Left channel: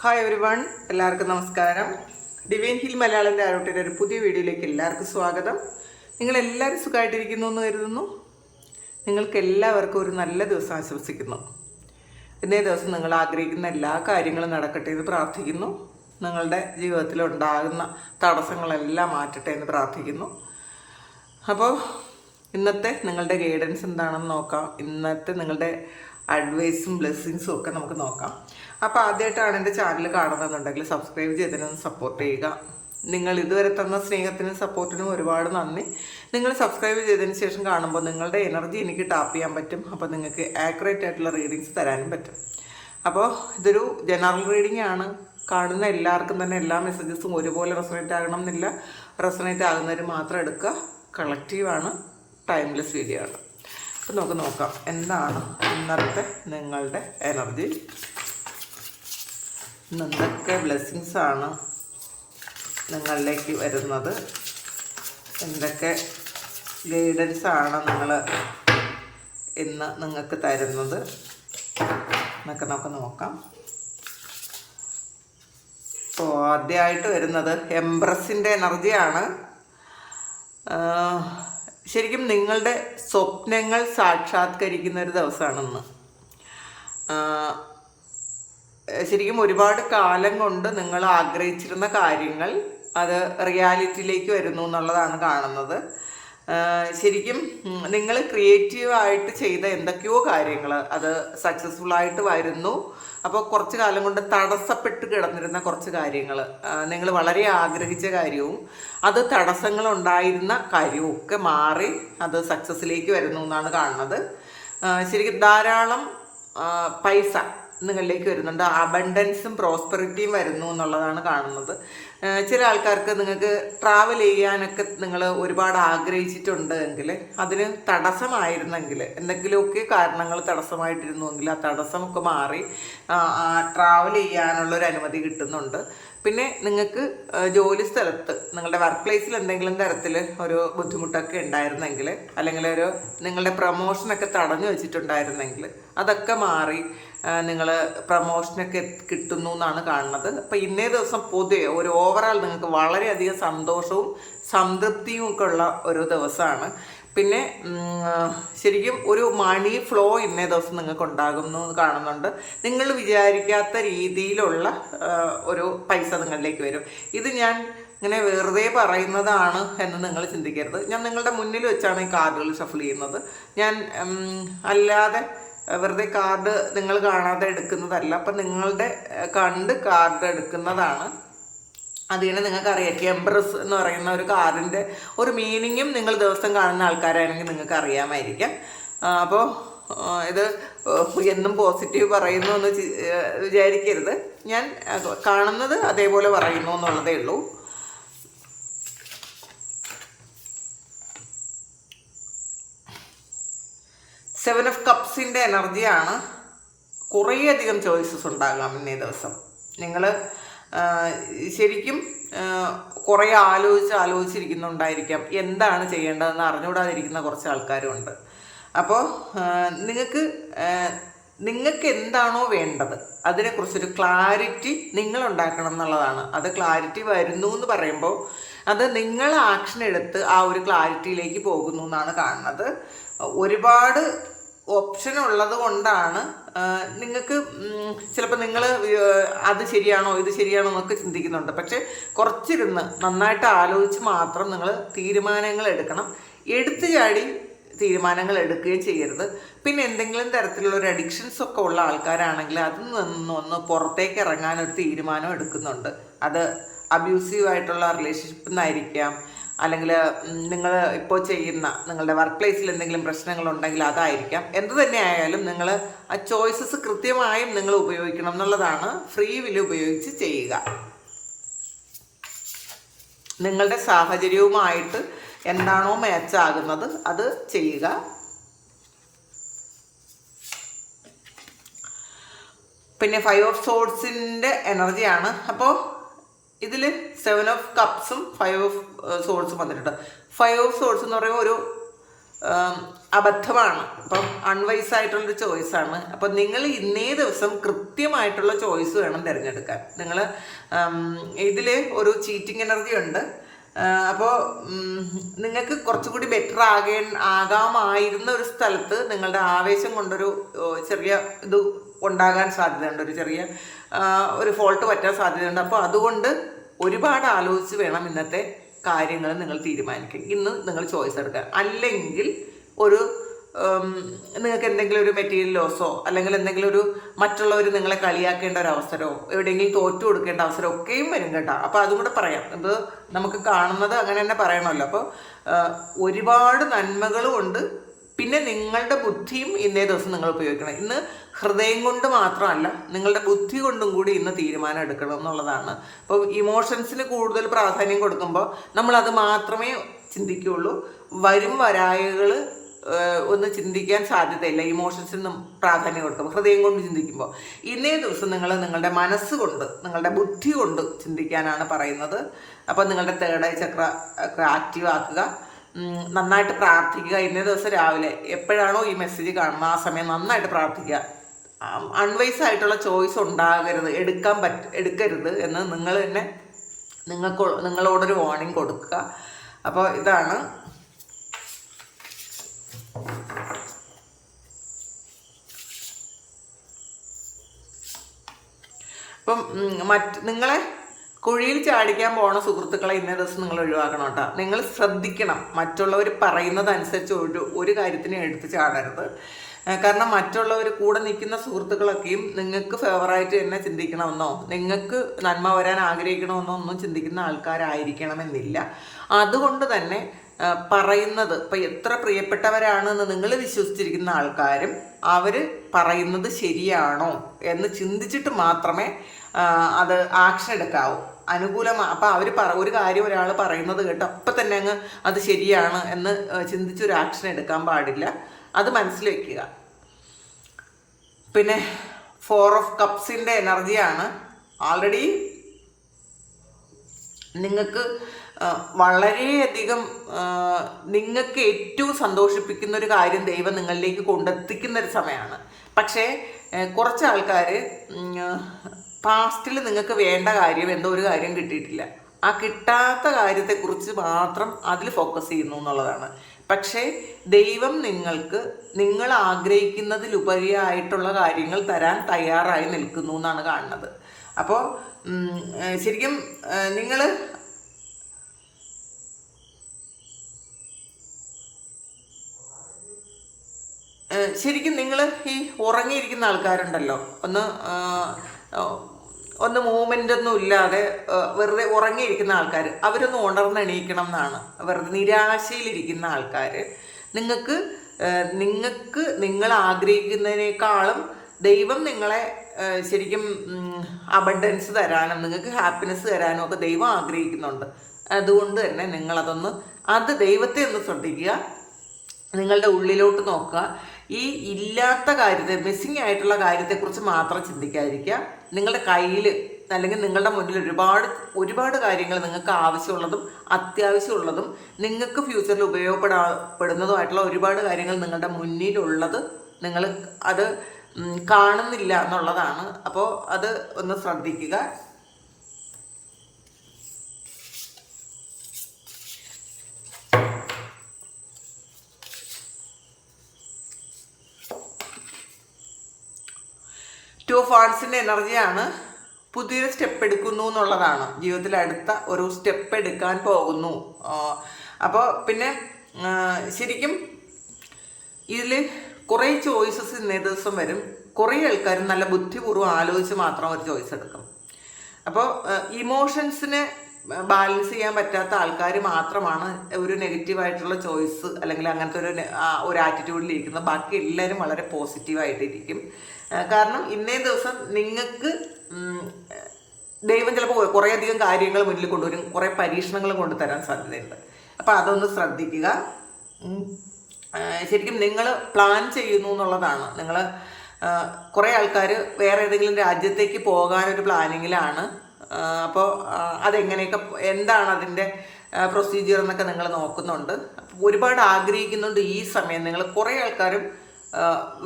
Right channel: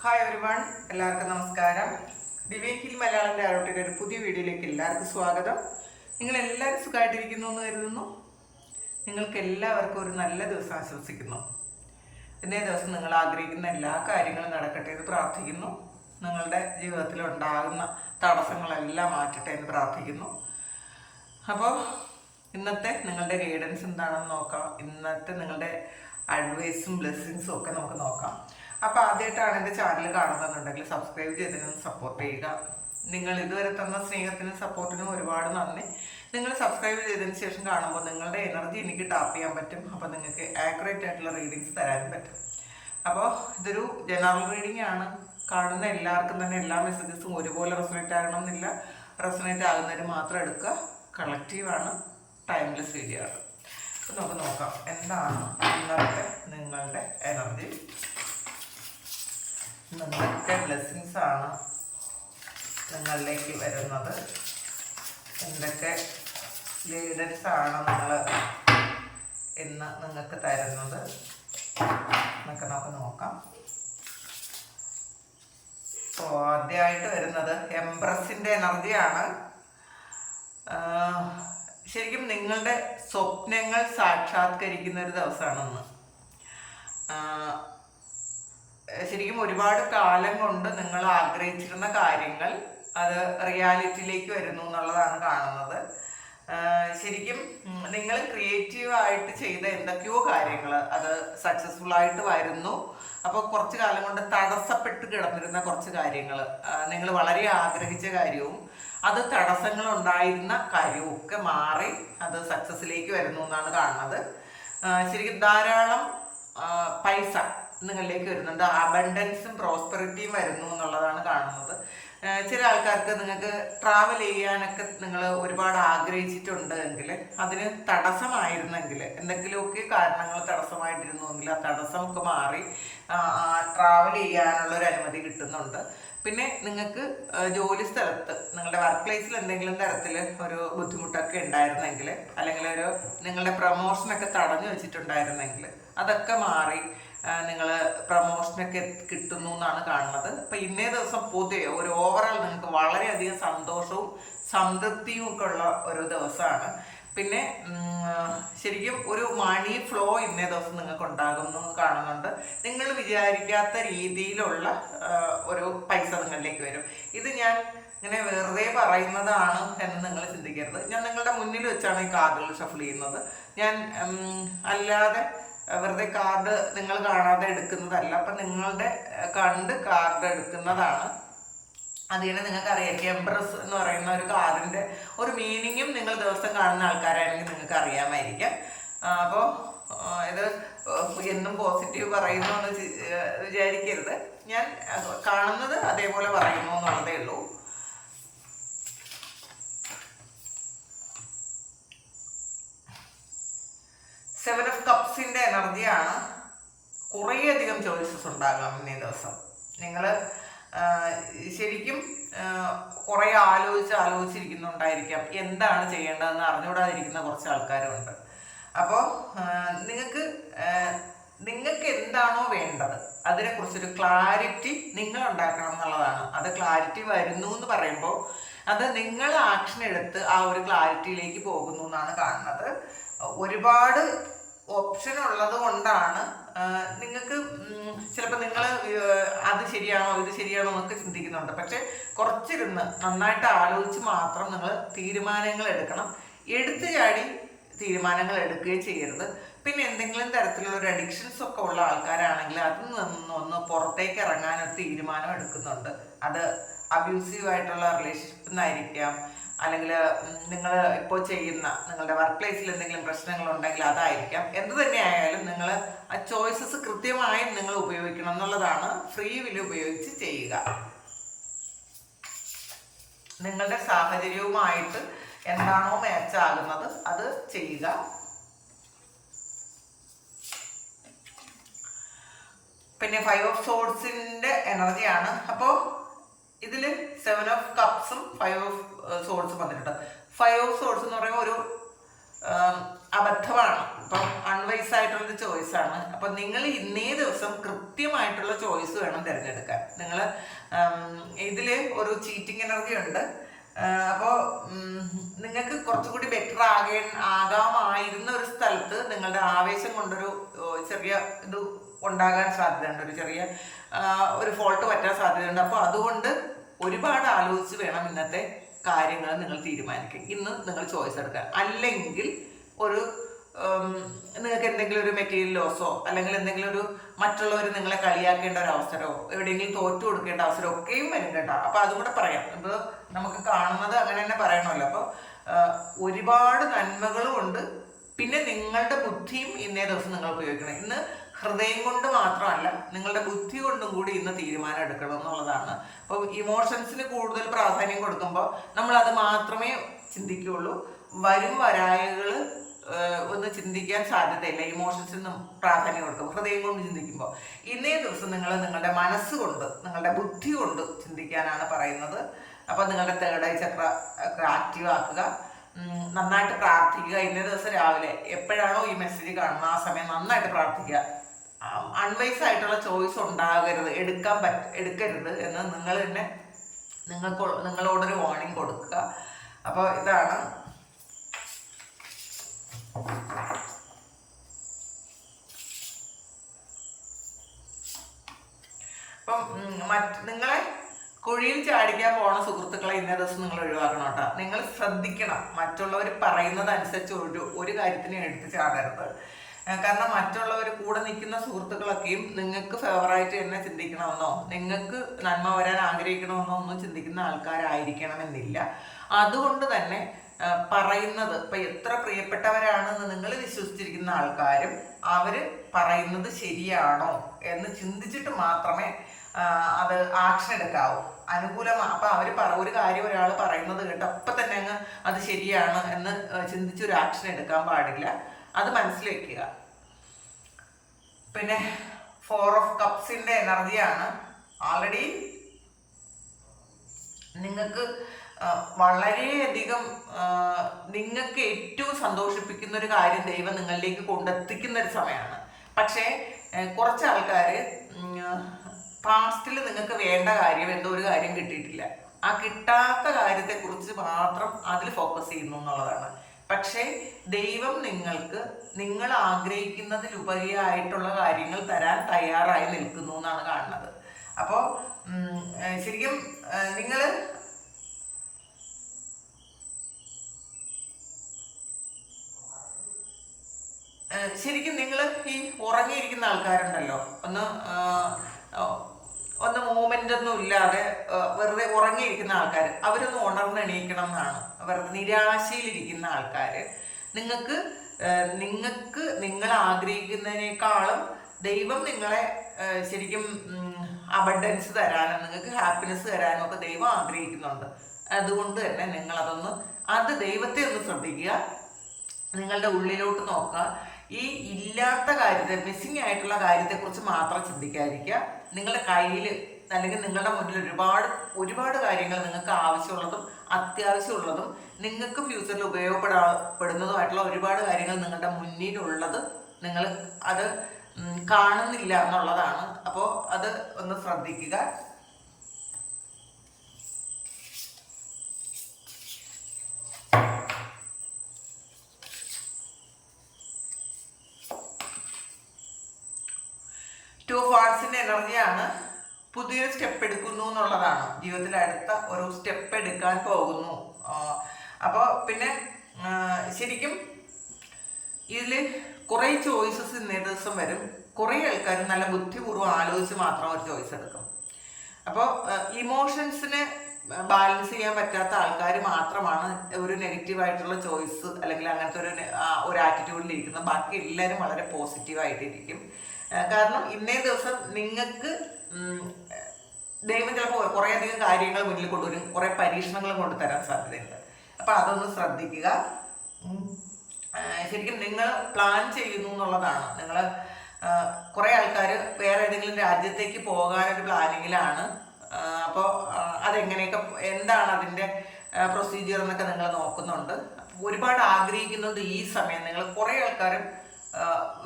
Hi every one എല്ലാവർക്കും നമസ്കാരം. Divine hill Malayalam ആരോട്ടിന്റെ ഒരു പുതിയ വീഡിയോയിലേക്ക് എല്ലാവർക്കും സ്വാഗതം. നിങ്ങൾ എല്ലാവരും സുഖമായിട്ടിരിക്കുന്നു എന്ന് കരുതുന്നു. നിങ്ങൾക്ക് എല്ലാവർക്കും ഒരു നല്ല ദിവസം ആശംസിക്കുന്നു. ഇന്നേ ദിവസം നിങ്ങൾ ആഗ്രഹിക്കുന്ന എല്ലാ കാര്യങ്ങളും നടക്കട്ടെ എന്ന് പ്രാർത്ഥിക്കുന്നു. നിങ്ങളുടെ ജീവിതത്തിൽ ഉണ്ടാകുന്ന തടസ്സങ്ങളെല്ലാം മാറ്റട്ടെ എന്ന് പ്രാർത്ഥിക്കുന്നു. അപ്പോൾ ഇന്നത്തെ നിങ്ങളുടെ ഗൈഡൻസ് എന്താണെന്ന് നോക്കാം. ഇന്നത്തെ നിങ്ങളുടെ അഡ്വൈസും ബ്ലെസ്സിങ്സും ഒക്കെ നമുക്ക് നോക്കാം. അപ്പോൾ ആദ്യമായിട്ടാണ് എന്റെ ചാനൽ കാണുന്നതെന്നുണ്ടെങ്കിൽ സബ്സ്ക്രൈബ് ചെയ്തിട്ടൊന്ന് സപ്പോർട്ട് ചെയ്യുക. നിങ്ങൾ ഇതുവരെ തന്ന സ്നേഹത്തിനും സപ്പോർട്ടിനും ഒരുപാട് നന്ദി. നിങ്ങൾ സബ്സ്ക്രൈബ് ചെയ്തതിന് ശേഷം കാണുമ്പോൾ നിങ്ങളുടെ എനർജി എനിക്ക് ടാപ്പ് ചെയ്യാൻ പറ്റും. അപ്പോൾ നിങ്ങൾക്ക് ആക്യുറേറ്റ് ആയിട്ടുള്ള റീഡിങ്സ് തരാനും പറ്റും. അപ്പോൾ ഇതൊരു ജനറൽ റീഡിംഗ് ആണ്. കാണുന്ന എല്ലാവർക്കും തന്നെ എല്ലാ മെസ്സേജസും ഒരുപോലെ റെസണേറ്റ് ആകണം എന്നില്ല. റെസണേറ്റ് ആകുന്നവർ മാത്രം എടുക്കുക. കളക്റ്റീവാണ് ടൈംലെസ് വീഡിയോ ആണ്. അപ്പോൾ നമുക്ക് നോക്കാം. എന്താണ് ഇന്നത്തെ നിങ്ങളുടെ എനർജി നിങ്ങൾക്ക് ബ്ലെസ്സിങ്സ് ആണ് നിങ്ങളിലേക്ക് വരുന്നത്. എന്തൊക്കെ ഗൈഡൻസ് ആണ് നിങ്ങൾ ഇന്ന് നിങ്ങൾക്ക് തരുന്നത് എന്നൊക്കെ നമുക്ക് നോക്കാം. അപ്പോൾ ആദ്യമായിട്ട് വരുന്നത് എംബ്രസിന്റെ എനർജിയാണ് ശരിക്കും നിങ്ങളുടെ സ്വപ്നങ്ങൾ സാക്ഷാത്കരിക്കുന്ന ഒരു ദിവസമാണെന്ന്. ശരിക്കും ഒരുപാട് കാലം കൊണ്ട് നിങ്ങൾ ആഗ്രഹിച്ചിരുന്ന കാര്യങ്ങൾ അത് റിയാലിറ്റിയിലേക്ക് വരുന്നു എന്നുള്ളതാണ് കാണുന്നത്. ശരിക്കും നിങ്ങൾ ക്രിയേറ്റീവായിട്ട് ചെയ്ത എന്തൊക്കെയോ കാര്യങ്ങൾ അത് സക്സസ്ഫുൾ ആയിട്ട് വരുന്നു. അപ്പോൾ കുറച്ച് കാലം കൊണ്ട് തടസ്സപ്പെട്ട് കിടന്നിരുന്ന കുറച്ച് കാര്യങ്ങൾ നിങ്ങൾ വളരെ ആഗ്രഹിച്ച കാര്യവും അത് തടസ്സങ്ങൾ ഉണ്ടായിരുന്ന കാര്യവും ഒക്കെ മാറി അത് സക്സസ്സിലേക്ക് വരുന്നു എന്നാണ് കാണുന്നത്. ശരിക്കും ധാരാളം പൈസ നിങ്ങളിലേക്ക് വരുന്നുണ്ട്. അബണ്ടൻസും പ്രോസ്പെറിറ്റിയും വരുന്നു എന്നുള്ളതാണ് കാണുന്നത്. ചില ആൾക്കാർക്ക് നിങ്ങൾക്ക് ട്രാവൽ ചെയ്യാനൊക്കെ നിങ്ങൾ ഒരുപാട് ആഗ്രഹിച്ചിട്ടുണ്ട് എങ്കിൽ അതിന് തടസ്സമായിരുന്നെങ്കിൽ എന്തെങ്കിലുമൊക്കെ കാരണങ്ങൾ തടസ്സമായിട്ടിരുന്നുവെങ്കിൽ ആ തടസ്സമൊക്കെ മാറി ട്രാവൽ ചെയ്യാനുള്ള ഒരു അനുമതി കിട്ടുന്നുണ്ട്. പിന്നെ നിങ്ങൾക്ക് ജോലി സ്ഥലത്ത് നിങ്ങളുടെ വർക്ക് പ്ലേസിൽ എന്തെങ്കിലും തരത്തിൽ ഒരു ബുദ്ധിമുട്ടൊക്കെ ഉണ്ടായിരുന്നെങ്കിൽ അല്ലെങ്കിൽ ഒരു നിങ്ങളുടെ പ്രമോഷനൊക്കെ തടഞ്ഞു വെച്ചിട്ടുണ്ടായിരുന്നെങ്കിൽ അതൊക്കെ മാറി നിങ്ങൾ പ്രമോഷനൊക്കെ കിട്ടുന്നു എന്നാണ് കാണുന്നത്. അപ്പോൾ ഇന്നേ ദിവസം പൊതുവെ ഒരു ഓവറാൾ നിങ്ങൾക്ക് വളരെയധികം സന്തോഷവും സംതൃപ്തിയും ഒക്കെ ഉള്ള ഒരു ദിവസമാണ്. പിന്നെ ശരിക്കും ഒരു മണി ഫ്ലോ ഇന്നേ ദിവസം നിങ്ങൾക്ക് ഉണ്ടാകുന്നു എന്ന് കാണുന്നുണ്ട്. നിങ്ങൾ വിചാരിക്കാത്ത രീതിയിലുള്ള ഒരു പൈസ നിങ്ങളിലേക്ക് വരും. ഇത് ഞാൻ ഇങ്ങനെ വെറുതെ പറയുന്നതാണ് എന്ന് നിങ്ങൾ ചിന്തിക്കരുത്. ഞാൻ നിങ്ങളുടെ മുന്നിൽ വെച്ചാണ് ഈ കാർഡുകൾ ഷഫിൾ ചെയ്യുന്നത്. ഞാൻ അല്ലാതെ വെറുതെ കാർഡ് നിങ്ങൾ കാണാതെ എടുക്കുന്നതല്ല. അപ്പം നിങ്ങളുടെ കണ്ട് കാർഡ് എടുക്കുന്നതാണ്. അതിനെ നിങ്ങൾക്ക് അറിയാം എംബ്രസ് എന്ന് പറയുന്ന ഒരു കാർഡിന്റെ ഒരു മീനിങ്ങും നിങ്ങൾ ദിവസം കാണുന്ന ആൾക്കാരാണെങ്കിൽ നിങ്ങൾക്ക് അറിയാമായിരിക്കാം അപ്പോൾ ഇത് എന്നും പോസിറ്റീവ് പറയുന്നു എന്ന് വിചാരിക്കരുത്. ഞാൻ കാണുന്നത് അതേപോലെ പറയുന്നു എന്നുള്ളതേ ഉള്ളൂ. കപ്സിന്റെ എനർജിയാണ് കുറേയധികം ചോയ്സസ് ഉണ്ടാകാം ഇന്നേ ദിവസം. നിങ്ങൾ ശരിക്കും കുറേ ആലോചിച്ച് ആലോചിച്ചിരിക്കുന്നുണ്ടായിരിക്കാം എന്താണ് ചെയ്യേണ്ടതെന്ന് അറിഞ്ഞുകൂടാതിരിക്കുന്ന കുറച്ച് ആൾക്കാരുമുണ്ട്. അപ്പോൾ നിങ്ങൾക്ക് നിങ്ങൾക്ക് എന്താണോ വേണ്ടത്? അതിനെക്കുറിച്ചൊരു ക്ലാരിറ്റി നിങ്ങൾ ഉണ്ടാക്കണം എന്നുള്ളതാണ്. അത് ക്ലാരിറ്റി വരുന്നു എന്ന് പറയുമ്പോൾ അത് നിങ്ങൾ ആക്ഷൻ എടുത്ത് ആ ഒരു ക്ലാരിറ്റിയിലേക്ക് പോകുന്നു എന്നാണ് കാണുന്നത്. ഒരുപാട് ഓപ്ഷൻ ഉള്ളത് കൊണ്ടാണ് നിങ്ങൾക്ക് ചിലപ്പോൾ നിങ്ങൾ അത് ശരിയാണോ ഇത് ശരിയാണോ എന്നൊക്കെ ചിന്തിക്കുന്നുണ്ട്. പക്ഷേ കുറച്ചിരുന്ന് നന്നായിട്ട് ആലോചിച്ച് മാത്രം നിങ്ങൾ തീരുമാനങ്ങൾ എടുക്കണം. എടുത്തു ചാടി തീരുമാനങ്ങൾ എടുക്കുകയും ചെയ്യരുത്. പിന്നെ എന്തെങ്കിലും തരത്തിലുള്ള ഒരു അഡിക്ഷൻസ് ഒക്കെ ഉള്ള ആൾക്കാരാണെങ്കിൽ അതിൽ നിന്നൊന്ന് പുറത്തേക്ക് ഇറങ്ങാൻ ഒരു തീരുമാനം എടുക്കുന്നുണ്ട്. അത് അബ്യൂസീവ് ആയിട്ടുള്ള റിലേഷൻഷിപ്പിൽ നിന്നായിരിക്കാം അല്ലെങ്കിൽ നിങ്ങൾ ഇപ്പോൾ ചെയ്യുന്ന നിങ്ങളുടെ വർക്ക് പ്ലേസിൽ എന്തെങ്കിലും പ്രശ്നങ്ങളുണ്ടെങ്കിൽ അതായിരിക്കാം. എന്ത് തന്നെ ആയാലും നിങ്ങൾ ആ ചോയ്സസ് കൃത്യമായും നിങ്ങൾ ഉപയോഗിക്കണം എന്നുള്ളതാണ് ഫ്രീ വിൽ ഉപയോഗിച്ച് ചെയ്യുക. നിങ്ങളുടെ സാഹചര്യവുമായിട്ട് എന്താണോ മാച്ച് ആകുന്നത് അത് ചെയ്യുക. പിന്നെ ഫൈവ് ഓഫ് സോഡ്സിന്റെ എനർജിയാണ് അപ്പോൾ ഇതിൽ സെവൻ ഓഫ് കപ്സും ഫൈവ് ഓഫ് സോൾസും വന്നിട്ടുണ്ട്. ഫൈവ് ഓഫ് സോൾസ് എന്ന് പറയുമ്പോൾ ഒരു അബദ്ധമാണ്. അപ്പം അൺവൈസ് ആയിട്ടുള്ളൊരു ചോയ്സാണ് അപ്പം നിങ്ങൾ ഇന്നേ ദിവസം കൃത്യമായിട്ടുള്ള ചോയ്സ് വേണം തിരഞ്ഞെടുക്കാൻ. നിങ്ങൾ ഇതിൽ ഒരു ചീറ്റിംഗ് എനർജി ഉണ്ട്. അപ്പോൾ നിങ്ങൾക്ക് കുറച്ചുകൂടി ബെറ്റർ ആകേ ആകാമായിരുന്ന ഒരു സ്ഥലത്ത് നിങ്ങളുടെ ആവേശം കൊണ്ടൊരു ചെറിയ ഇത് ഉണ്ടാകാൻ സാധ്യതയുണ്ട്. ഒരു ചെറിയ ഒരു ഫോൾട്ട് പറ്റാൻ സാധ്യതയുണ്ട്. അപ്പോൾ അതുകൊണ്ട് ഒരുപാട് ആലോചിച്ച് വേണം ഇന്നത്തെ കാര്യങ്ങൾ നിങ്ങൾ തീരുമാനിക്കും ഇന്ന് നിങ്ങൾ ചോയ്സ് എടുക്കുക. അല്ലെങ്കിൽ ഒരു നിങ്ങൾക്ക് എന്തെങ്കിലും ഒരു മെറ്റീരിയൽ ലോസോ അല്ലെങ്കിൽ എന്തെങ്കിലും ഒരു മറ്റുള്ളവർ നിങ്ങളെ കളിയാക്കേണ്ട ഒരു അവസരമോ എവിടെയെങ്കിലും തോറ്റു കൊടുക്കേണ്ട അവസരം ഒക്കെയും വരും കേട്ടോ. അപ്പോൾ അതും കൂടെ പറയാം. ഇത് നമുക്ക് കാണുന്നത് അങ്ങനെ തന്നെ പറയണമല്ലോ. അപ്പോൾ ഒരുപാട് നന്മകളും ഉണ്ട്. പിന്നെ നിങ്ങളുടെ ബുദ്ധിയും ഇന്നേ ദിവസം നിങ്ങൾ ഉപയോഗിക്കണം. ഇന്ന് ഹൃദയം കൊണ്ട് മാത്രമല്ല നിങ്ങളുടെ ബുദ്ധി കൊണ്ടും കൂടി ഇന്ന് തീരുമാനം എടുക്കണം എന്നുള്ളതാണ്. അപ്പോൾ ഇമോഷൻസിന് കൂടുതൽ പ്രാധാന്യം കൊടുക്കുമ്പോൾ നമ്മളത് മാത്രമേ ചിന്തിക്കുകയുള്ളൂ വരും വരായകൾ ഒന്ന് ചിന്തിക്കാൻ സാധ്യതയില്ല. ഇമോഷൻസിന് പ്രാധാന്യം കൊടുക്കും ഹൃദയം കൊണ്ട് ചിന്തിക്കുമ്പോൾ. ഇന്നേ ദിവസം നിങ്ങൾ നിങ്ങളുടെ മനസ്സുകൊണ്ട് നിങ്ങളുടെ ബുദ്ധി കൊണ്ട് ചിന്തിക്കാനാണ് പറയുന്നത്. അപ്പോൾ നിങ്ങളുടെ തേർഡ് ഐ ചക്ര ഒക്കെ ആക്കുക. നന്നായിട്ട് പ്രാർത്ഥിക്കുക. ഇന്നേ ദിവസം രാവിലെ എപ്പോഴാണോ ഈ മെസ്സേജ് കാണുന്നത് ആ സമയം നന്നായിട്ട് പ്രാർത്ഥിക്കുക. അൺവൈസ് ആയിട്ടുള്ള ചോയ്സ് ഉണ്ടാകരുത് എടുക്കാൻ പറ്റ എടുക്കരുത് എന്ന് നിങ്ങൾ തന്നെ നിങ്ങൾക്ക് നിങ്ങളോടൊരു വാർണിംഗ് കൊടുക്കുക. അപ്പോൾ ഇതാണ് ഇപ്പം ഉം, മറ്റ് നിങ്ങളെ കുഴിയിൽ ചാടിക്കാൻ പോണ സുഹൃത്തുക്കളെ ഇന്നേ ദിവസം നിങ്ങൾ ഒഴിവാക്കണം കേട്ടോ. നിങ്ങൾ ശ്രദ്ധിക്കണം മറ്റുള്ളവർ പറയുന്നതനുസരിച്ച് ഒരു ഒരു കാര്യത്തിനും എടുത്ത് ചാടരുത്. കാരണം മറ്റുള്ളവർ കൂടെ നിൽക്കുന്ന സുഹൃത്തുക്കളൊക്കെയും നിങ്ങൾക്ക് ഫേവറായിട്ട് തന്നെ ചിന്തിക്കണമെന്നോ നിങ്ങൾക്ക് നന്മ വരാൻ ആഗ്രഹിക്കണമെന്നോ ഒന്നും ചിന്തിക്കുന്ന ആൾക്കാരായിരിക്കണമെന്നില്ല. അതുകൊണ്ട് തന്നെ പറയുന്നത് ഇപ്പം എത്ര പ്രിയപ്പെട്ടവരാണെന്ന് നിങ്ങൾ വിശ്വസിച്ചിരിക്കുന്ന ആൾക്കാരും അവർ പറയുന്നത് ശരിയാണോ എന്ന് ചിന്തിച്ചിട്ട് മാത്രമേ അത് ആക്ഷൻ എടുക്കാവൂ. അനുകൂലമാണ് അപ്പം അവർ പറ ഒരു കാര്യം ഒരാൾ പറയുന്നത് കേട്ട് അപ്പം തന്നെ അങ്ങ് അത് ശരിയാണ് എന്ന് ചിന്തിച്ചൊരു ആക്ഷൻ എടുക്കാൻ പാടില്ല. അത് മനസ്സിൽ വെക്കുക. പിന്നെ ഫോർ ഓഫ് കപ്സിന്റെ എനർജിയാണ് ആൾറെഡി നിങ്ങൾക്ക് വളരെയധികം നിങ്ങൾക്ക് ഏറ്റവും സന്തോഷിപ്പിക്കുന്ന ഒരു കാര്യം ദൈവം നിങ്ങളിലേക്ക് കൊണ്ടെത്തിക്കുന്ന ഒരു സമയമാണ്. പക്ഷേ കുറച്ച് ആൾക്കാർ പാസ്റ്റിൽ നിങ്ങൾക്ക് വേണ്ട കാര്യം എന്തോ ഒരു കാര്യം കിട്ടിയിട്ടില്ല. ആ കിട്ടാത്ത കാര്യത്തെക്കുറിച്ച് മാത്രം അതിൽ ഫോക്കസ് ചെയ്യുന്നു എന്നുള്ളതാണ്. പക്ഷേ ദൈവം നിങ്ങൾക്ക് നിങ്ങൾ ആഗ്രഹിക്കുന്നതിലുപരിയായിട്ടുള്ള കാര്യങ്ങൾ തരാൻ തയ്യാറായി നിൽക്കുന്നു എന്നാണ് കാണുന്നത്. അപ്പോൾ ശരിക്കും നിങ്ങൾ ശരിക്കും നിങ്ങൾ ഈ ഉറങ്ങിയിരിക്കുന്ന ആൾക്കാരുണ്ടല്ലോ. ഒന്ന് ഒന്ന് മൂവ്മെന്റ് ഒന്നും ഇല്ലാതെ വെറുതെ ഉറങ്ങിയിരിക്കുന്ന ആൾക്കാർ അവരൊന്ന് ഉണർന്ന് എണീക്കണം എന്നാണ്. വെറുതെ നിരാശയിലിരിക്കുന്ന ആൾക്കാർ നിങ്ങൾക്ക് നിങ്ങൾക്ക് നിങ്ങൾ ആഗ്രഹിക്കുന്നതിനേക്കാളും ദൈവം നിങ്ങളെ ശരിക്കും അബണ്ടൻസ് തരാനും നിങ്ങൾക്ക് ഹാപ്പിനെസ് തരാനും ഒക്കെ ദൈവം ആഗ്രഹിക്കുന്നുണ്ട്. അതുകൊണ്ട് തന്നെ നിങ്ങളതൊന്ന് അത് ദൈവത്തെ ഒന്ന് ശ്രദ്ധിക്കുക. നിങ്ങളുടെ ഉള്ളിലോട്ട് നോക്കുക. ഈ ഇല്ലാത്ത കാര്യത്തെ മിസ്സിങ് ആയിട്ടുള്ള കാര്യത്തെക്കുറിച്ച് മാത്രം ചിന്തിക്കാതിരിക്കുക. നിങ്ങളുടെ കയ്യിൽ അല്ലെങ്കിൽ നിങ്ങളുടെ മുന്നിൽ ഒരുപാട് ഒരുപാട് കാര്യങ്ങൾ നിങ്ങൾക്ക് ആവശ്യമുള്ളതും അത്യാവശ്യമുള്ളതും നിങ്ങൾക്ക് ഫ്യൂച്ചറിൽ ഉപയോഗപ്പെടാപ്പെടുന്നതുമായിട്ടുള്ള ഒരുപാട് കാര്യങ്ങൾ നിങ്ങളുടെ മുന്നിലുള്ളത് നിങ്ങൾ അത് കാണുന്നില്ല എന്നുള്ളതാണ്. അപ്പോൾ അത് ഒന്ന് ശ്രദ്ധിക്കുക. ടു ഫാൾസിന്റെ എനർജിയാണ് പുതിയൊരു സ്റ്റെപ്പ് എടുക്കുന്നു എന്നുള്ളതാണ്. ജീവിതത്തിൽ അടുത്ത ഒരു സ്റ്റെപ്പ് എടുക്കാൻ പോകുന്നു. അപ്പോൾ പിന്നെ ശരിക്കും ഇതിൽ കുറേ ചോയ്സസ് ഇന്നേ ദിവസം വരും. കുറേ ആൾക്കാരും നല്ല ബുദ്ധിപൂർവം ആലോചിച്ച് മാത്രം ഒരു ചോയ്സ് എടുക്കും. അപ്പോൾ ഇമോഷൻസിനെ ബാലൻസ് ചെയ്യാൻ പറ്റാത്ത ആൾക്കാർ മാത്രമാണ് ഒരു നെഗറ്റീവായിട്ടുള്ള ചോയ്സ് അല്ലെങ്കിൽ അങ്ങനത്തെ ഒരു ഒരു ആറ്റിറ്റ്യൂഡിൽ ഇരിക്കുന്നത്. ബാക്കി എല്ലാവരും വളരെ പോസിറ്റീവായിട്ടിരിക്കും കാരണം ഇന്നേ ദിവസം നിങ്ങൾക്ക് ദൈവം ചിലപ്പോൾ കുറേയധികം കാര്യങ്ങൾ മുന്നിൽ കൊണ്ടുവരും. കുറേ പരീക്ഷണങ്ങളും കൊണ്ടുതരാൻ സാധ്യതയുണ്ട്. അപ്പോൾ അതൊന്ന് ശ്രദ്ധിക്കുക. ശരിക്കും നിങ്ങൾ പ്ലാൻ ചെയ്യുന്നു എന്നുള്ളതാണ്. നിങ്ങൾ കുറേ ആൾക്കാർ വേറെ ഏതെങ്കിലും രാജ്യത്തേക്ക് പോകാനൊരു പ്ലാനിങ്ങിലാണ് അപ്പോൾ അതെങ്ങനെയൊക്കെ എന്താണ് അതിന്റെ പ്രൊസീജിയർ എന്നൊക്കെ നിങ്ങൾ നോക്കുന്നുണ്ട്. ഒരുപാട് ആഗ്രഹിക്കുന്നുണ്ട് ഈ സമയം. നിങ്ങൾ കുറേ ആൾക്കാരും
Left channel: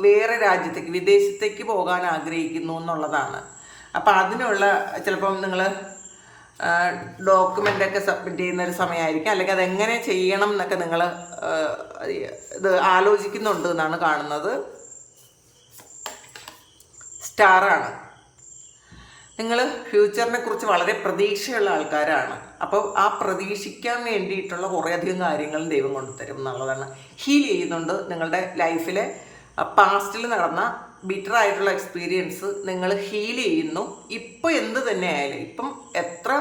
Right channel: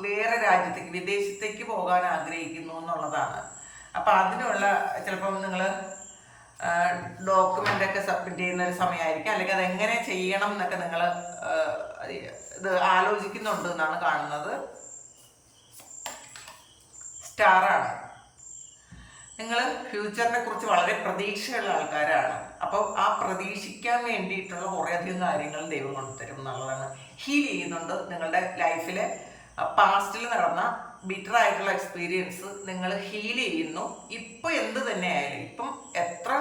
വേറെ രാജ്യത്തേക്ക് വിദേശത്തേക്ക് പോകാൻ ആഗ്രഹിക്കുന്നു എന്നുള്ളതാണ്. അപ്പോൾ അതിനുള്ള ചിലപ്പം നിങ്ങൾ ഡോക്യുമെന്റ് ഒക്കെ സബ്മിറ്റ് ചെയ്യുന്ന ഒരു സമയമായിരിക്കും. അല്ലെങ്കിൽ അതെങ്ങനെ ചെയ്യണം എന്നൊക്കെ നിങ്ങൾ ഇത് ആലോചിക്കുന്നുണ്ട് എന്നാണ് കാണുന്നത്. സ്റ്റാറാണ്. നിങ്ങൾ ഫ്യൂച്ചറിനെ കുറിച്ച് വളരെ പ്രതീക്ഷയുള്ള ആൾക്കാരാണ്. അപ്പോൾ ആ പ്രതീക്ഷിക്കാൻ വേണ്ടിയിട്ടുള്ള കുറേയധികം കാര്യങ്ങളും ദൈവം കൊണ്ടുതരും എന്നുള്ളതാണ്. ഹീൽ ചെയ്യുന്നുണ്ട് നിങ്ങളുടെ ലൈഫിലെ പാസ്റ്റിൽ നടന്ന ബിറ്റർ ആയിട്ടുള്ള എക്സ്പീരിയൻസ് നിങ്ങൾ ഹീൽ ചെയ്യുന്നു. ഇപ്പോൾ എന്ത് തന്നെയായാലും ഇപ്പം എത്ര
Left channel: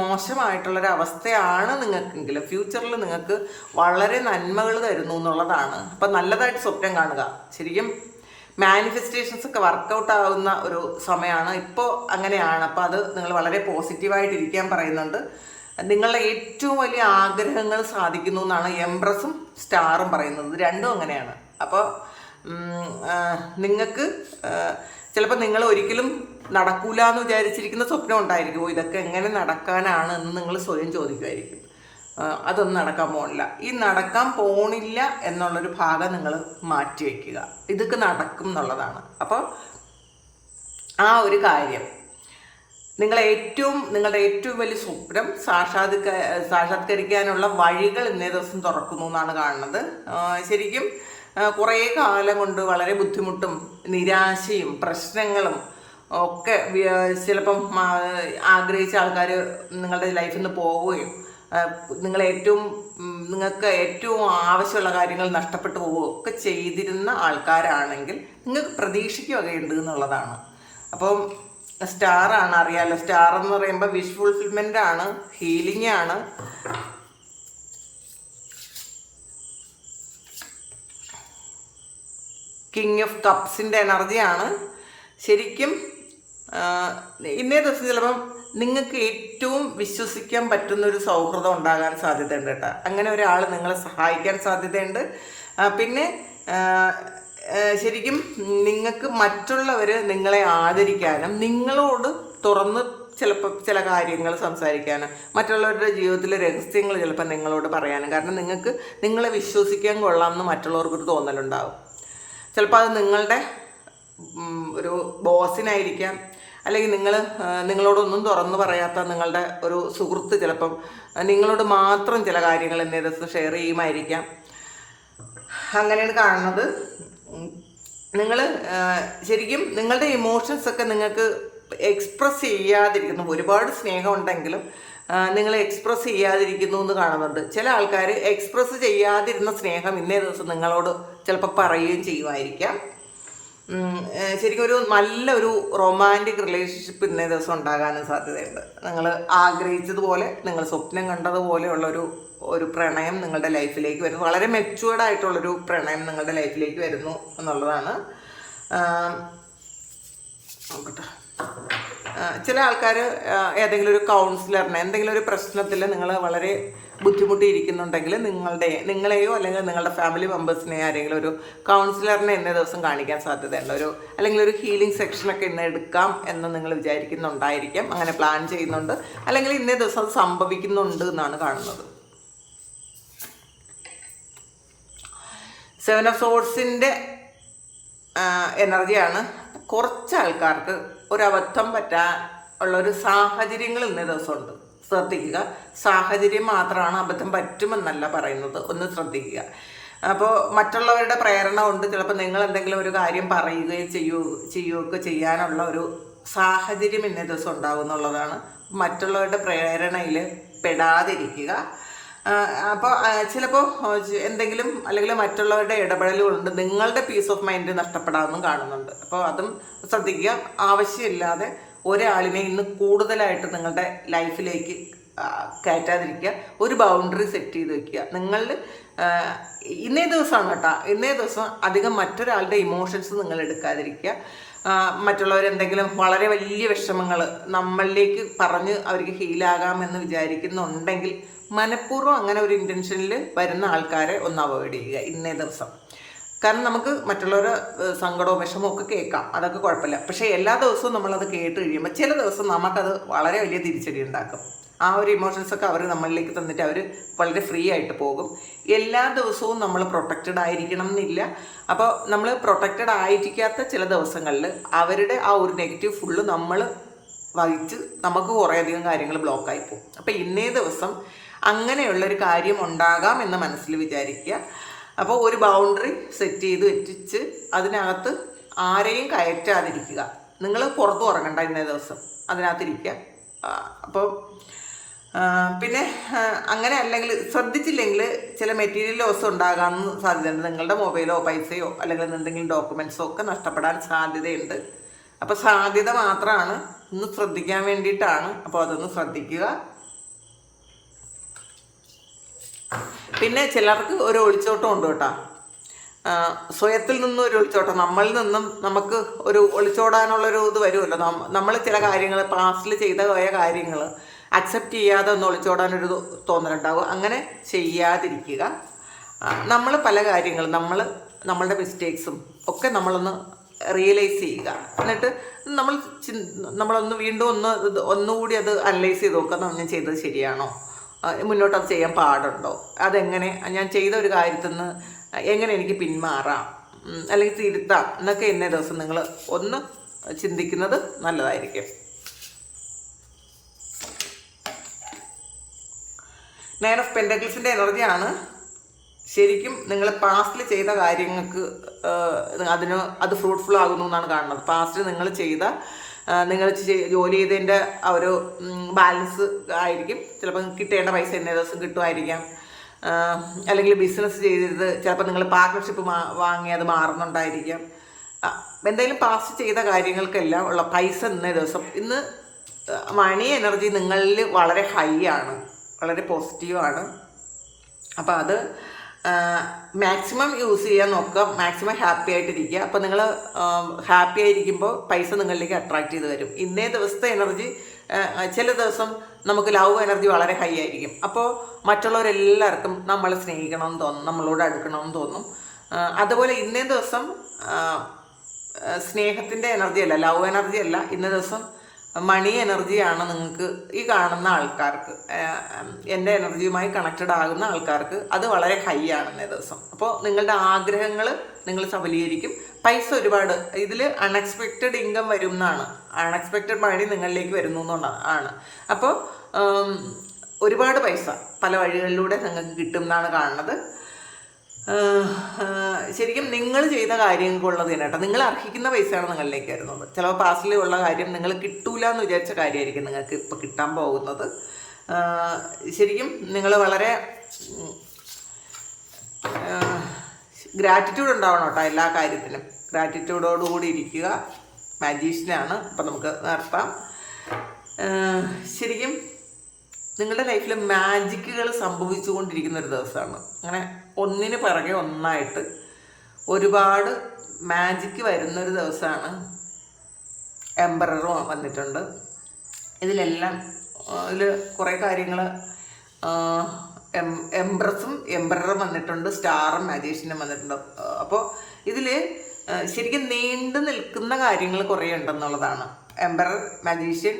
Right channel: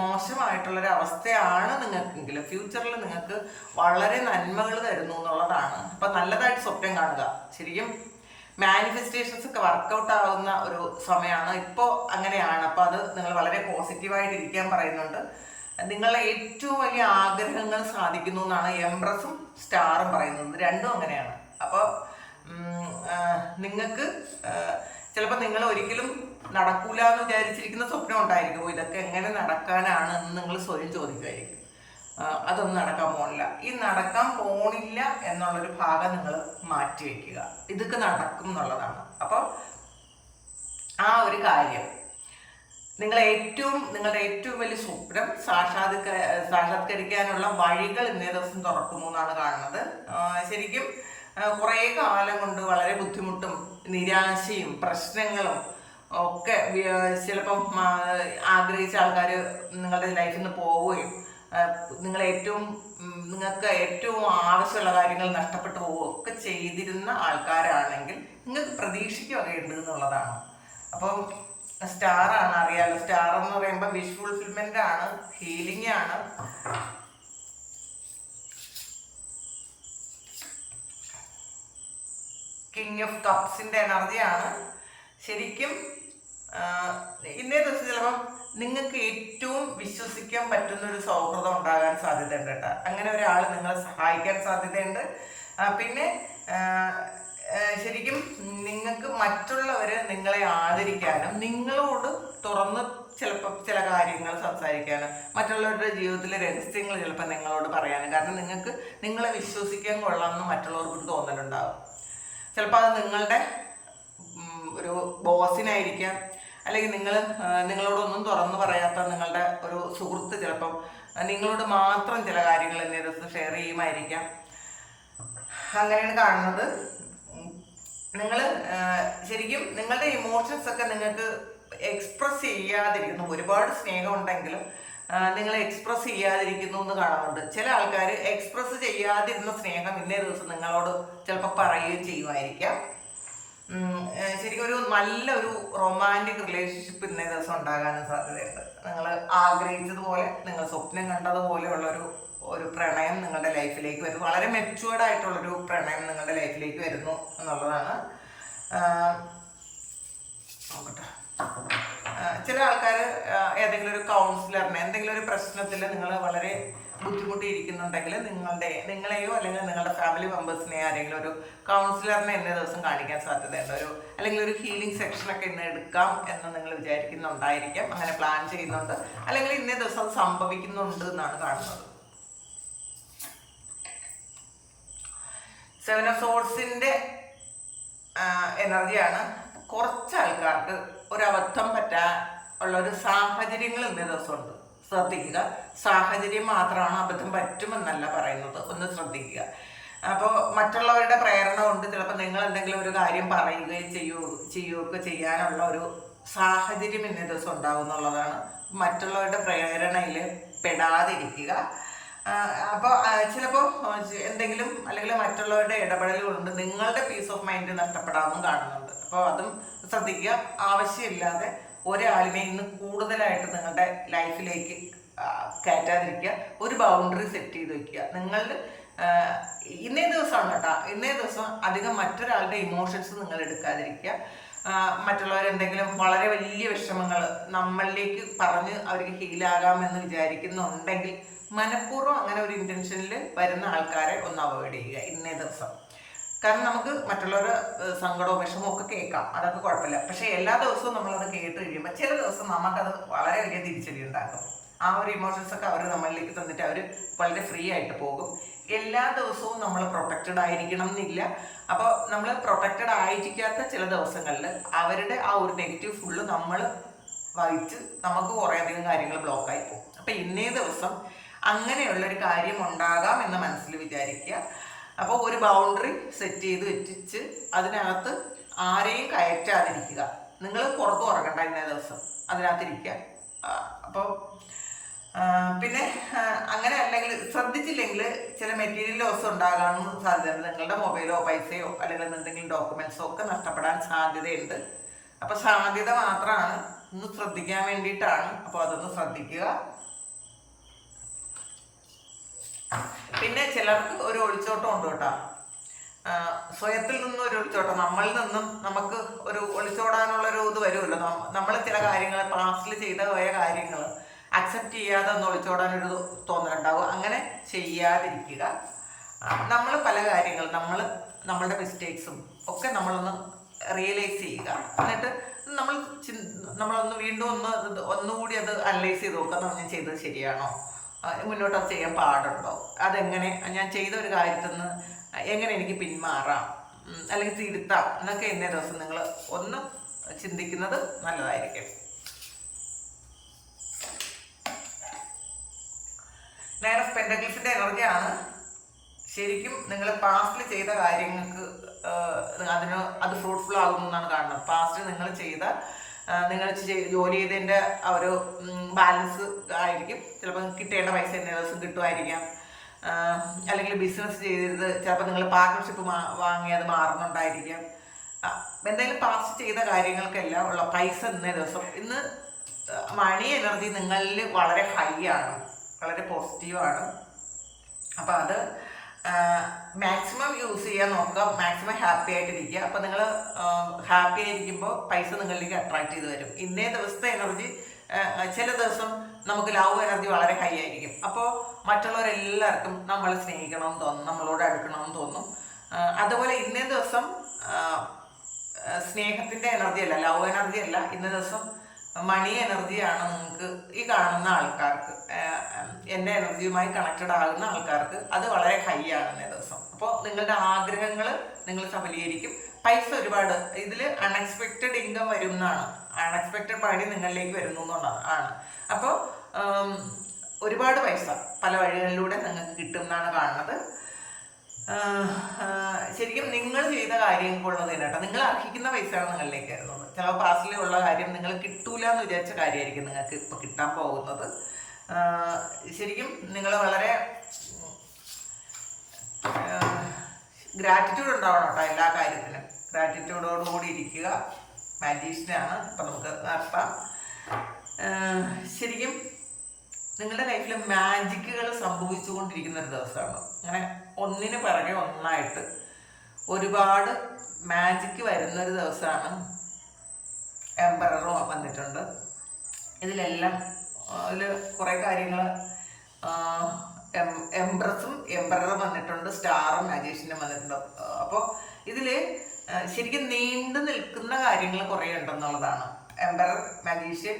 മോശമായിട്ടുള്ളൊരു അവസ്ഥയാണ് നിങ്ങൾക്കെങ്കിലും ഫ്യൂച്ചറിൽ നിങ്ങൾക്ക് വളരെ നന്മകൾ തരുന്നു എന്നുള്ളതാണ്. അപ്പം നല്ലതായിട്ട് സ്വപ്നം കാണുക. ശരിക്കും മാനിഫെസ്റ്റേഷൻസ് ഒക്കെ വർക്കൗട്ട് ആവുന്ന ഒരു സമയമാണ് ഇപ്പോൾ അങ്ങനെയാണ്. അപ്പോൾ അത് നിങ്ങൾ വളരെ പോസിറ്റീവായിട്ട് ഇരിക്കാൻ പറയുന്നുണ്ട്. നിങ്ങളുടെ ഏറ്റവും വലിയ ആഗ്രഹങ്ങൾ സാധിക്കുന്നു എന്നാണ് എംബ്രസും സ്റ്റാറും പറയുന്നത്. രണ്ടും അങ്ങനെയാണ്. അപ്പോൾ നിങ്ങൾക്ക് ചിലപ്പോൾ നിങ്ങൾ ഒരിക്കലും നടക്കൂല എന്ന് വിചാരിച്ചിരിക്കുന്ന സ്വപ്നം ഉണ്ടായിരിക്കും. ഇതൊക്കെ എങ്ങനെ നടക്കാനാണ് എന്ന് നിങ്ങൾ സ്വയം ചോദിക്കുമായിരിക്കും അതൊന്നും നടക്കാൻ പോകണില്ല ഈ നടക്കാൻ പോണില്ല എന്നുള്ളൊരു ഭാഗം നിങ്ങൾ മാറ്റി വയ്ക്കുക ഇതൊക്കെ നടക്കും എന്നുള്ളതാണ്. അപ്പോൾ ആ ഒരു കാര്യം. നിങ്ങൾ ഏറ്റവും നിങ്ങളുടെ ഏറ്റവും വലിയ സ്വപ്നം സാക്ഷാത്ക സാക്ഷാത്കരിക്കാനുള്ള വഴികൾ ഇന്നേ ദിവസം തുറക്കുന്നു എന്നാണ് കാണുന്നത്. ശരിക്കും കുറേ കാലം കൊണ്ട് വളരെ ബുദ്ധിമുട്ടും നിരാശയും പ്രശ്നങ്ങളും ഒക്കെ ചിലപ്പം ആഗ്രഹിച്ച ആൾക്കാർ നിങ്ങളുടെ ലൈഫിൽ നിന്ന് പോവുകയും നിങ്ങൾ ഏറ്റവും നിങ്ങൾക്ക് ഏറ്റവും ആവശ്യമുള്ള കാര്യങ്ങൾ നഷ്ടപ്പെട്ടു പോവുകയോ ഒക്കെ ചെയ്തിരുന്ന ആൾക്കാരാണെങ്കിൽ നിങ്ങൾക്ക് പ്രതീക്ഷിക്കുകയൊക്കെ ഉണ്ട് എന്നുള്ളതാണ്. അപ്പം സ്റ്റാറാണ് അറിയാലോ. സ്റ്റാർ എന്ന് പറയുമ്പോൾ വിഷ് ഫുൾഫിൽമെന്റ് ആണ് ഹീലിംഗ് ആണ്. കിങ് ഓഫ് കപ്സിന്റെ എനർജിയാണ് ശരിക്കും ഇന്നേ ദിവസം ചിലപ്പം നിങ്ങൾക്ക് ഏറ്റവും വിശ്വസിക്കാൻ പറ്റുന്ന ഒരു സൗഹൃദം ഉണ്ടാകാൻ സാധ്യതയുണ്ട് കേട്ടോ. അങ്ങനെ ഒരാൾ നിങ്ങളെ സഹായിക്കാൻ സാധ്യതയുണ്ട്. പിന്നെ ശരിക്കും നിങ്ങൾക്ക് മറ്റുള്ളവർ നിങ്ങളെ ആദരിക്കാനും നിങ്ങളോട് തുറന്ന് ചിലപ്പോൾ ചില കാര്യങ്ങൾ സംസാരിക്കാനും മറ്റുള്ളവരുടെ ജീവിതത്തിലെ രഹസ്യങ്ങൾ ചിലപ്പോൾ നിങ്ങളോട് പറയാനും. കാരണം നിങ്ങൾക്ക് നിങ്ങളെ വിശ്വസിക്കാൻ കൊള്ളാം എന്ന് മറ്റുള്ളവർക്ക് മറ്റുള്ളവർക്കൊരു തോന്നലുണ്ടാകും ചിലപ്പോൾ അത് നിങ്ങളുടെ ഒരു ബോസിനായിരിക്കാം. അല്ലെങ്കിൽ നിങ്ങൾ നിങ്ങളോടൊന്നും തുറന്നു പറയാത്ത നിങ്ങളുടെ ഒരു സുഹൃത്ത് ചിലപ്പം നിങ്ങളോട് മാത്രം ചില കാര്യങ്ങൾ എന്നെ ദിവസം ഷെയർ ചെയ്യുമായിരിക്കാം. അങ്ങനെയാണ് കാണുന്നത്. നിങ്ങൾ ശരിക്കും നിങ്ങളുടെ ഇമോഷൻസ് ഒക്കെ നിങ്ങൾക്ക് എക്സ്പ്രസ് ചെയ്യാതിരിക്കുന്നു. ഒരുപാട് സ്നേഹമുണ്ടെങ്കിലും നിങ്ങൾ എക്സ്പ്രസ് ചെയ്യാതിരിക്കുന്നു എന്ന് കാണുന്നുണ്ട്. ചില ആൾക്കാർ എക്സ്പ്രസ് ചെയ്യാതിരുന്ന സ്നേഹം ഇന്നേ ദിവസം നിങ്ങളോട് ചിലപ്പോൾ പറയുകയും ചെയ്യുമായിരിക്കാം. ശരിക്കും ഒരു നല്ലൊരു റൊമാന്റിക് റിലേഷൻഷിപ്പ് ഇന്നേ ദിവസം ഉണ്ടാകാനും സാധ്യതയുണ്ട്. നിങ്ങൾ ആഗ്രഹിച്ചതുപോലെ നിങ്ങൾ സ്വപ്നം കണ്ടതുപോലെയുള്ളൊരു ഒരു പ്രണയം നിങ്ങളുടെ ലൈഫിലേക്ക് വരുന്നു. വളരെ മെച്ചുവേർഡ് ആയിട്ടുള്ളൊരു പ്രണയം നിങ്ങളുടെ ലൈഫിലേക്ക് വരുന്നു എന്നുള്ളതാണ്. നോക്കട്ടെ. ചില ആൾക്കാർ ഏതെങ്കിലും ഒരു കൗൺസിലറിനെ എന്തെങ്കിലും ഒരു പ്രശ്നത്തിൽ നിങ്ങൾ വളരെ ബുദ്ധിമുട്ടിയിരിക്കുന്നുണ്ടെങ്കിൽ നിങ്ങളുടെ നിങ്ങളെയോ അല്ലെങ്കിൽ നിങ്ങളുടെ ഫാമിലി മെമ്പേഴ്സിനെയോ ആരെങ്കിലും ഒരു കൗൺസിലറിനെ ഇന്ന ദിവസം കാണിക്കാൻ സാധ്യതയുണ്ട്. ഒരു അല്ലെങ്കിൽ ഒരു ഹീലിംഗ് സെക്ഷനൊക്കെ ഇന്ന് എടുക്കാം എന്ന് നിങ്ങൾ വിചാരിക്കുന്നുണ്ടായിരിക്കാം. അങ്ങനെ പ്ലാൻ ചെയ്യുന്നുണ്ട്. അല്ലെങ്കിൽ ഇന്നേ ദിവസം അത് സംഭവിക്കുന്നുണ്ട് എന്നാണ് കാണുന്നത്. സെവൻ ഓഫ് സോഴ്സിന്റെ എനർജിയാണ് കുറച്ച് ആൾക്കാർക്ക് ഒരബദ്ധം പറ്റാ ഉള്ളൊരു സാഹചര്യങ്ങൾ ഇന്ന ദിവസമുണ്ട്. ശ്രദ്ധിക്കുക. സാഹചര്യം മാത്രമാണ് അബദ്ധം പറ്റുമെന്നല്ല പറയുന്നത്. ഒന്ന് ശ്രദ്ധിക്കുക. അപ്പോൾ മറ്റുള്ളവരുടെ പ്രേരണ കൊണ്ട് ചിലപ്പോൾ നിങ്ങൾ എന്തെങ്കിലും ഒരു കാര്യം പറയുകയും ചെയ്യുകയോ ചെയ്യുകയൊക്കെ ചെയ്യാനുള്ള ഒരു സാഹചര്യം ഇന്ന ദിവസം ഉണ്ടാവും എന്നുള്ളതാണ്. മറ്റുള്ളവരുടെ പ്രേരണയിൽ പെടാതിരിക്കുക. അപ്പോൾ ചിലപ്പോൾ എന്തെങ്കിലും അല്ലെങ്കിൽ മറ്റുള്ളവരുടെ ഇടപെടലുകളുണ്ട് നിങ്ങളുടെ പീസ് ഓഫ് മൈൻഡ് നഷ്ടപ്പെടാമെന്നും കാണുന്നുണ്ട്. അപ്പോൾ അതും ശ്രദ്ധിക്കുക. ആവശ്യമില്ലാതെ ഒരാളിനെ ഇന്ന് കൂടുതലായിട്ട് നിങ്ങളുടെ ലൈഫിലേക്ക് കയറ്റാതിരിക്കുക. ഒരു ബൗണ്ടറി സെറ്റ് ചെയ്ത് വെക്കുക. നിങ്ങൾ ഇന്നേ ദിവസമാണ് കേട്ടോ. ഇന്നേ ദിവസം അധികം മറ്റൊരാളുടെ ഇമോഷൻസ് നിങ്ങൾ എടുക്കാതിരിക്കുക. മറ്റുള്ളവരെന്തെങ്കിലും വളരെ വലിയ വിഷമങ്ങൾ നമ്മളിലേക്ക് പറഞ്ഞ് അവർക്ക് ഹീലാകാമെന്ന് വിചാരിക്കുന്നുണ്ടെങ്കിൽ മനഃപൂർവം അങ്ങനെ ഒരു ഇന്റൻഷനിൽ വരുന്ന ആൾക്കാരെ ഒന്ന് അവോയ്ഡ് ചെയ്യുക ഇന്നേ ദിവസം. കാരണം നമുക്ക് മറ്റുള്ളവരുടെ സങ്കടവും വിഷമവും ഒക്കെ കേൾക്കാം. അതൊക്കെ കുഴപ്പമില്ല. പക്ഷേ എല്ലാ ദിവസവും നമ്മളത് കേട്ട് കഴിയുമ്പോൾ ചില ദിവസം നമുക്കത് വളരെ വലിയ തിരിച്ചടി ഉണ്ടാക്കും. ആ ഒരു ഇമോഷൻസൊക്കെ അവർ നമ്മളിലേക്ക് തന്നിട്ട് അവർ വളരെ ഫ്രീ ആയിട്ട് പോകും. എല്ലാ ദിവസവും നമ്മൾ പ്രൊട്ടക്റ്റഡ് ആയിരിക്കണം എന്നില്ല. അപ്പോൾ നമ്മൾ പ്രൊട്ടക്റ്റഡ് ആയിരിക്കാത്ത ചില ദിവസങ്ങളിൽ അവരുടെ ആ ഒരു നെഗറ്റീവ് ഫുള്ള് നമ്മൾ വഹിച്ച് നമുക്ക് കുറേയധികം കാര്യങ്ങൾ ബ്ലോക്കായി പോകും. അപ്പോൾ ഇന്നേ ദിവസം അങ്ങനെയുള്ള ഒരു കാര്യം ഉണ്ടാകാം എന്ന് മനസ്സിൽ വിചാരിക്കുക. അപ്പോൾ ഒരു ബൗണ്ടറി സെറ്റ് ചെയ്ത് വെച്ചിച്ച് അതിനകത്ത് ആരെയും കയറ്റാതിരിക്കുക. നിങ്ങൾ പുറത്തു ഉറങ്ങണ്ട ഇന്നേ ദിവസം. അതിനകത്തിരിക്കുക. അപ്പോൾ പിന്നെ അങ്ങനെ അല്ലെങ്കിൽ ശ്രദ്ധിച്ചില്ലെങ്കിൽ ചില മെറ്റീരിയൽ ലോസ് ഉണ്ടാകാൻ സാധ്യതയുണ്ട്. നിങ്ങളുടെ മൊബൈലോ പൈസയോ അല്ലെങ്കിൽ എന്തെങ്കിലും ഡോക്യുമെൻസോ ഒക്കെ നഷ്ടപ്പെടാൻ സാധ്യതയുണ്ട്. അപ്പോൾ സാധ്യത മാത്രമാണ്. ഒന്ന് ശ്രദ്ധിക്കാൻ വേണ്ടിയിട്ടാണ്. അപ്പോൾ അതൊന്ന് ശ്രദ്ധിക്കുക. പിന്നെ ചിലർക്ക് ഒരു ഒളിച്ചോട്ടം ഉണ്ട് കേട്ടോ. സ്വയത്തിൽ നിന്നും ഒരു ഒളിച്ചോട്ടം നമ്മളിൽ നിന്നും നമുക്ക് ഒരു ഒളിച്ചോടാനുള്ള ഒരു ഇത് വരുമല്ലോ. നമ്മൾ ചില കാര്യങ്ങൾ പാസ്റ്റിൽ ചെയ്ത പോയ കാര്യങ്ങൾ അക്സെപ്റ്റ് ചെയ്യാതെ ഒന്ന് ഒളിച്ചോടാനൊരു തോന്നലുണ്ടാവും. അങ്ങനെ ചെയ്യാതിരിക്കുക. നമ്മൾ പല കാര്യങ്ങളും നമ്മൾ നമ്മളുടെ മിസ്റ്റേക്സും ഒക്കെ നമ്മളൊന്ന് റിയലൈസ് ചെയ്യുക. എന്നിട്ട് നമ്മൾ നമ്മളൊന്ന് വീണ്ടും ഒന്ന് ഒന്നുകൂടി അത് അനലൈസ് ചെയ്ത് നോക്കുക നമ്മൾ ചെയ്തത് ശരിയാണോ? മുന്നോട്ട് അത് ചെയ്യാൻ പാടുണ്ടോ? അതെങ്ങനെ? ഞാൻ ചെയ്ത ഒരു കാര്യത്തിൽ നിന്ന് എങ്ങനെ എനിക്ക് പിന്മാറാം? അല്ലെങ്കിൽ തിരുത്താം? എന്നൊക്കെ ഇന്നേ ദിവസം നിങ്ങൾ ഒന്ന് ചിന്തിക്കുന്നത് നല്ലതായിരിക്കും. നയൻ ഓഫ് പെൻഡക്കിൾസിന്റെ എനർജിയാണ് ശരിക്കും നിങ്ങൾ പാസ്റ്റിൽ ചെയ്ത കാര്യങ്ങൾക്ക് അതിന് അത് ഫ്രൂട്ട്ഫുൾ ആകുന്നു എന്നാണ് കാണുന്നത്. പാസ്റ്റിൽ നിങ്ങൾ ചെയ്ത നിങ്ങൾ ജോലി ചെയ്തതിന്റെ ഒരു ബാലൻസ് ആയിരിക്കും. ചിലപ്പോൾ കിട്ടേണ്ട പൈസ ഇന്നേ ദിവസം കിട്ടുമായിരിക്കാം. അല്ലെങ്കിൽ ബിസിനസ് ചെയ്തത് ചിലപ്പോൾ നിങ്ങൾ പാർട്ട്ണർഷിപ്പ് വാങ്ങി അത് മാറുന്നുണ്ടായിരിക്കാം. എന്തെങ്കിലും പാസ് ചെയ്ത കാര്യങ്ങൾക്കെല്ലാം ഉള്ള പൈസ ഇന്നേ ദിവസം. ഇന്ന് മണി എനർജി നിങ്ങളിൽ വളരെ ഹൈ ആണ്. വളരെ പോസിറ്റീവാണ് അപ്പോൾ അത് മാക്സിമം യൂസ് ചെയ്യാൻ നോക്കുക. മാക്സിമം ഹാപ്പി ആയിട്ടിരിക്കുക. അപ്പോൾ നിങ്ങൾ ഹാപ്പി ആയിരിക്കുമ്പോൾ പൈസ നിങ്ങളിലേക്ക് അട്രാക്ട് ചെയ്ത് വരും. ഇന്നേ ദിവസത്തെ എനർജി ചില ദിവസം നമുക്ക് ലവ് എനർജി വളരെ ഹൈ ആയിരിക്കും. അപ്പോൾ മറ്റുള്ളവരെല്ലാവർക്കും നമ്മളെ സ്നേഹിക്കണമെന്ന് തോന്നും നമ്മളോട് അടുക്കണമെന്ന് തോന്നും. അതുപോലെ ഇന്നേ ദിവസം സ്നേഹത്തിന്റെ എനർജി അല്ല ലവ് എനർജി അല്ല. ഇന്നേ ദിവസം മണി എനർജിയാണ് നിങ്ങൾക്ക് ഈ കാണുന്ന ആൾക്കാർക്ക്. എന്റെ എനർജിയുമായി കണക്റ്റഡ് ആകുന്ന ആൾക്കാർക്ക് അത് വളരെ ഹൈ ആണ് ഇന്നേ ദിവസം. അപ്പോൾ നിങ്ങളുടെ ആഗ്രഹങ്ങൾ നിങ്ങൾ സഫലീകരിക്കും. പൈസ ഒരുപാട്. ഇതിൽ അൺഎക്സ്പെക്റ്റഡ് ഇൻകം വരും എന്നാണ്. അൺഎക്സ്പെക്റ്റഡ് മണി നിങ്ങളിലേക്ക് വരുന്നു എന്നുള്ളതാണ്. ആണ്. അപ്പോൾ ഒരുപാട് പൈസ പല വഴികളിലൂടെ നിങ്ങൾക്ക് കിട്ടും എന്നാണ് കാണുന്നത്. ശരിക്കും നിങ്ങൾ ചെയ്ത കാര്യം തന്നെ കേട്ടോ. നിങ്ങൾ അർഹിക്കുന്ന പൈസയാണ് നിങ്ങളിലേക്ക് വരുന്നത് ചിലപ്പോൾ പാസ്റ്റിലുള്ള കാര്യം നിങ്ങൾ കിട്ടൂല എന്ന് വിചാരിച്ച കാര്യമായിരിക്കും നിങ്ങൾക്ക് ഇപ്പോൾ കിട്ടാൻ പോകുന്നത്. ശരിക്കും നിങ്ങൾ വളരെ ഗ്രാറ്റിറ്റ്യൂഡ് ഉണ്ടാവണം കേട്ടോ എല്ലാ കാര്യത്തിലും. ഗ്രാറ്റിറ്റ്യൂഡോടുകൂടി ഇരിക്കുക. മാജീഷ്യനാണ് അപ്പം നമുക്ക് നടത്താം. ശരിക്കും നിങ്ങളുടെ ലൈഫിൽ മാജിക്കുകൾ സംഭവിച്ചുകൊണ്ടിരിക്കുന്ന ഒരു ദിവസമാണ്. അങ്ങനെ ഒന്നിന് പിറകെ ഒന്നായിട്ട് ഒരുപാട് മാജിക്ക് വരുന്നൊരു ദിവസമാണ് എംബററും വന്നിട്ടുണ്ട്. ഇതിലെല്ലാം അതിൽ കുറേ കാര്യങ്ങൾ എംബ്രസും എംബററും വന്നിട്ടുണ്ട് സ്റ്റാറും മാജീഷ്യനും വന്നിട്ടുണ്ട്. അപ്പോൾ ഇതിൽ ശരിക്കും നീണ്ടു നിൽക്കുന്ന കാര്യങ്ങൾ കുറേ ഉണ്ടെന്നുള്ളതാണ്. എംബറർ മാജീഷ്യൻ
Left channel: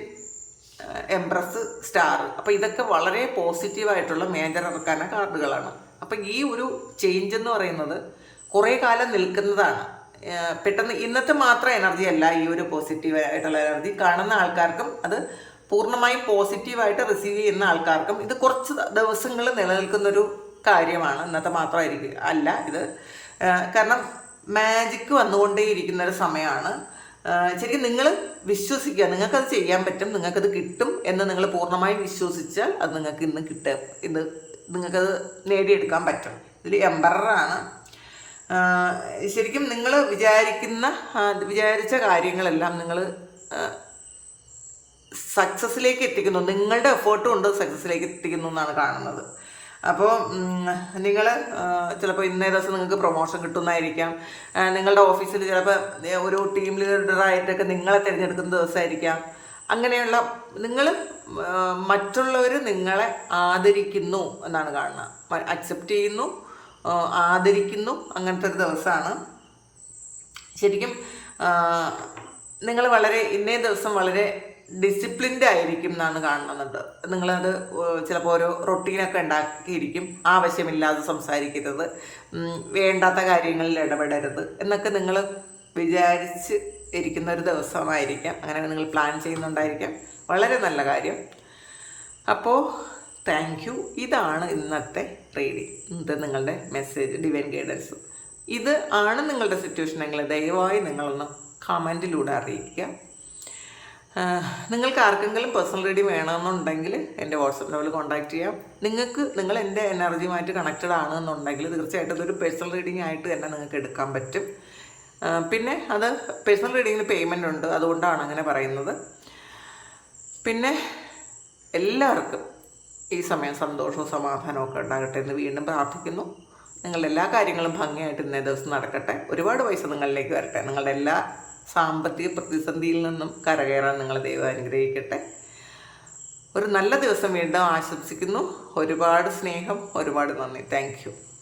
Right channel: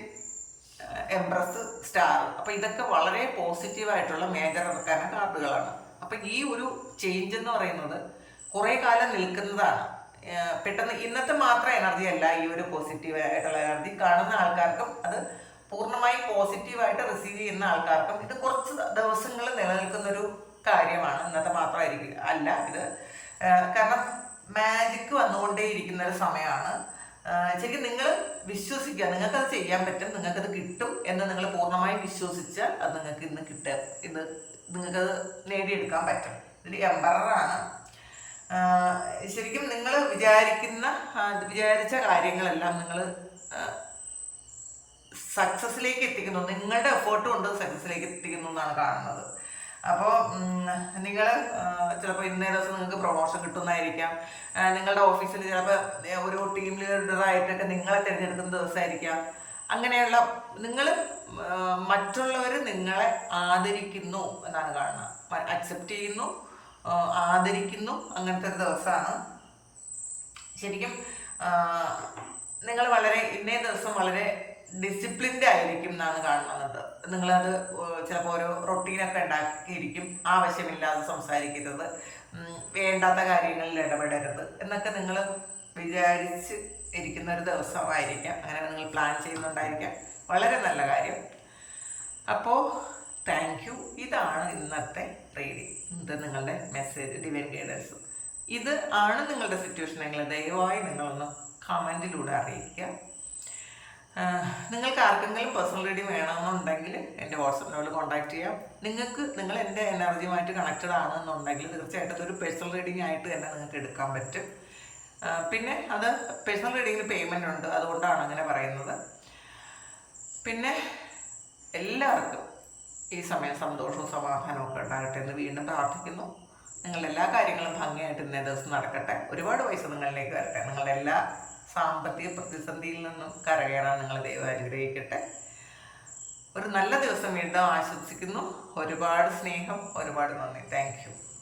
എംബ്രസ് സ്റ്റാർ അപ്പോൾ ഇതൊക്കെ വളരെ പോസിറ്റീവായിട്ടുള്ള മേജർ ഇറക്കാന കാർഡുകളാണ് അപ്പം ഈ ഒരു ചേഞ്ച് എന്ന് പറയുന്നത് കുറേ കാലം നിൽക്കുന്നതാണ്. പെട്ടെന്ന് ഇന്നത്തെ മാത്രം എനർജി അല്ല ഈ ഒരു പോസിറ്റീവ് ആയിട്ടുള്ള എനർജി കാണുന്ന ആൾക്കാർക്കും അത് പൂർണമായും പോസിറ്റീവായിട്ട് റിസീവ് ചെയ്യുന്ന ആൾക്കാർക്കും ഇത് കുറച്ച് ദിവസങ്ങൾ നിലനിൽക്കുന്നൊരു കാര്യമാണ്. ഇന്നത്തെ മാത്രമായിരിക്കും അല്ല ഇത്. കാരണം മാജിക്ക് വന്നുകൊണ്ടേയിരിക്കുന്ന ഒരു സമയമാണ് ശരിക്കും നിങ്ങൾ വിശ്വസിക്കുക നിങ്ങൾക്കത് ചെയ്യാൻ പറ്റും നിങ്ങൾക്കത് കിട്ടും എന്ന് നിങ്ങൾ പൂർണമായും വിശ്വസിച്ചാൽ അത് നിങ്ങൾക്ക് ഇന്ന് കിട്ടുക ഇത് നിങ്ങൾക്കത് നേടിയെടുക്കാൻ പറ്റും. ഇതിൽ എംബറാണ് ശരിക്കും നിങ്ങൾ വിചാരിക്കുന്ന വിചാരിച്ച കാര്യങ്ങളെല്ലാം നിങ്ങൾ സക്സസ്സിലേക്ക് എത്തിക്കുന്നു. നിങ്ങളുടെ എഫേർട്ട് കൊണ്ട് സക്സസ്സിലേക്ക് എത്തിക്കുന്നു എന്നാണ് കാണുന്നത്. അപ്പോൾ നിങ്ങൾ ചിലപ്പോൾ ഇന്നേ ദിവസം നിങ്ങൾക്ക് പ്രൊമോഷൻ കിട്ടുന്നതായിരിക്കാം. നിങ്ങളുടെ ഓഫീസിൽ ചിലപ്പോൾ ഒരു ടീം ലീഡറായിട്ടൊക്കെ നിങ്ങളെ തിരഞ്ഞെടുക്കുന്ന ദിവസമായിരിക്കാം. അങ്ങനെയുള്ള നിങ്ങൾ മറ്റുള്ളവർ നിങ്ങളെ ആദരിക്കുന്നു എന്നാണ് കാണുന്നത്. അക്സെപ്റ്റ് ചെയ്യുന്നു ആദരിക്കുന്നു അങ്ങനത്തെ ഒരു ദിവസമാണ്. ശരിക്കും നിങ്ങൾ വളരെ ഇന്നേ ദിവസം വളരെ ഡിസിപ്ലിൻഡ് ആയിരിക്കും എന്നാണ് കാണുന്നത്. നിങ്ങളത് ചിലപ്പോൾ ഓരോ റൊട്ടീനൊക്കെ ഉണ്ടാക്കിയിരിക്കും. ആവശ്യമില്ലാതെ സംസാരിക്കരുത്. വേണ്ടാത്ത കാര്യങ്ങളിൽ ഇടപെടരുത്. എന്നൊക്കെ നിങ്ങൾ വിചാരിച്ച് ഇരിക്കുന്ന ഒരു ദിവസമായിരിക്കാം. അങ്ങനെ നിങ്ങൾ പ്ലാൻ ചെയ്യുന്നുണ്ടായിരിക്കാം. വളരെ നല്ല കാര്യം. അപ്പോൾ താങ്ക് യു ഇതാണ് ഇന്നത്തെ റീഡിങ് ഇത് നിങ്ങളുടെ മെസ്സേജ് ഡിവൈൻ ഗൈഡൻസ് ഇത് ആണ് നിങ്ങളുടെ സിറ്റുവേഷൻ എങ്കിൽ ദയവായി നിങ്ങളൊന്ന് കമന്റിലൂടെ അറിയിക്കുക. നിങ്ങൾക്ക് ആർക്കെങ്കിലും പേഴ്സണൽ റീഡിങ് വേണമെന്നുണ്ടെങ്കിൽ എന്റെ വാട്സപ്പ് നമ്പറിൽ കോൺടാക്ട് ചെയ്യാം. നിങ്ങൾക്ക് നിങ്ങൾ എന്റെ എനർജിയുമായിട്ട് കണക്റ്റഡ് ആണെന്നുണ്ടെങ്കിൽ തീർച്ചയായിട്ടും ഇതൊരു പേഴ്സണൽ റീഡിംഗ് ആയിട്ട് തന്നെ നിങ്ങൾക്ക് എടുക്കാൻ പറ്റും. പിന്നെ അത് പേഴ്സണൽ റീഡിങ്ങിൽ പേയ്മെന്റ് ഉണ്ട്. അതുകൊണ്ടാണ് അങ്ങനെ പറയുന്നത്. പിന്നെ എല്ലാവർക്കും ഈ സമയം സന്തോഷവും സമാധാനവും ഒക്കെ ഉണ്ടാകട്ടെ എന്ന് വീണ്ടും പ്രാർത്ഥിക്കുന്നു. നിങ്ങളുടെ എല്ലാ കാര്യങ്ങളും ഭംഗിയായിട്ട് ഇന്നേ ദിവസം നടക്കട്ടെ. ഒരുപാട് പൈസ നിങ്ങളിലേക്ക് വരട്ടെ. നിങ്ങളുടെ എല്ലാ സാമ്പത്തിക പ്രതിസന്ധിയിൽ നിന്നും കരകയറാൻ നിങ്ങൾ ദൈവം അനുഗ്രഹിക്കട്ടെ. ഒരു നല്ല ദിവസം വീണ്ടും ആശംസിക്കുന്നു. ഒരുപാട് സ്നേഹം ഒരുപാട് നന്ദി. താങ്ക്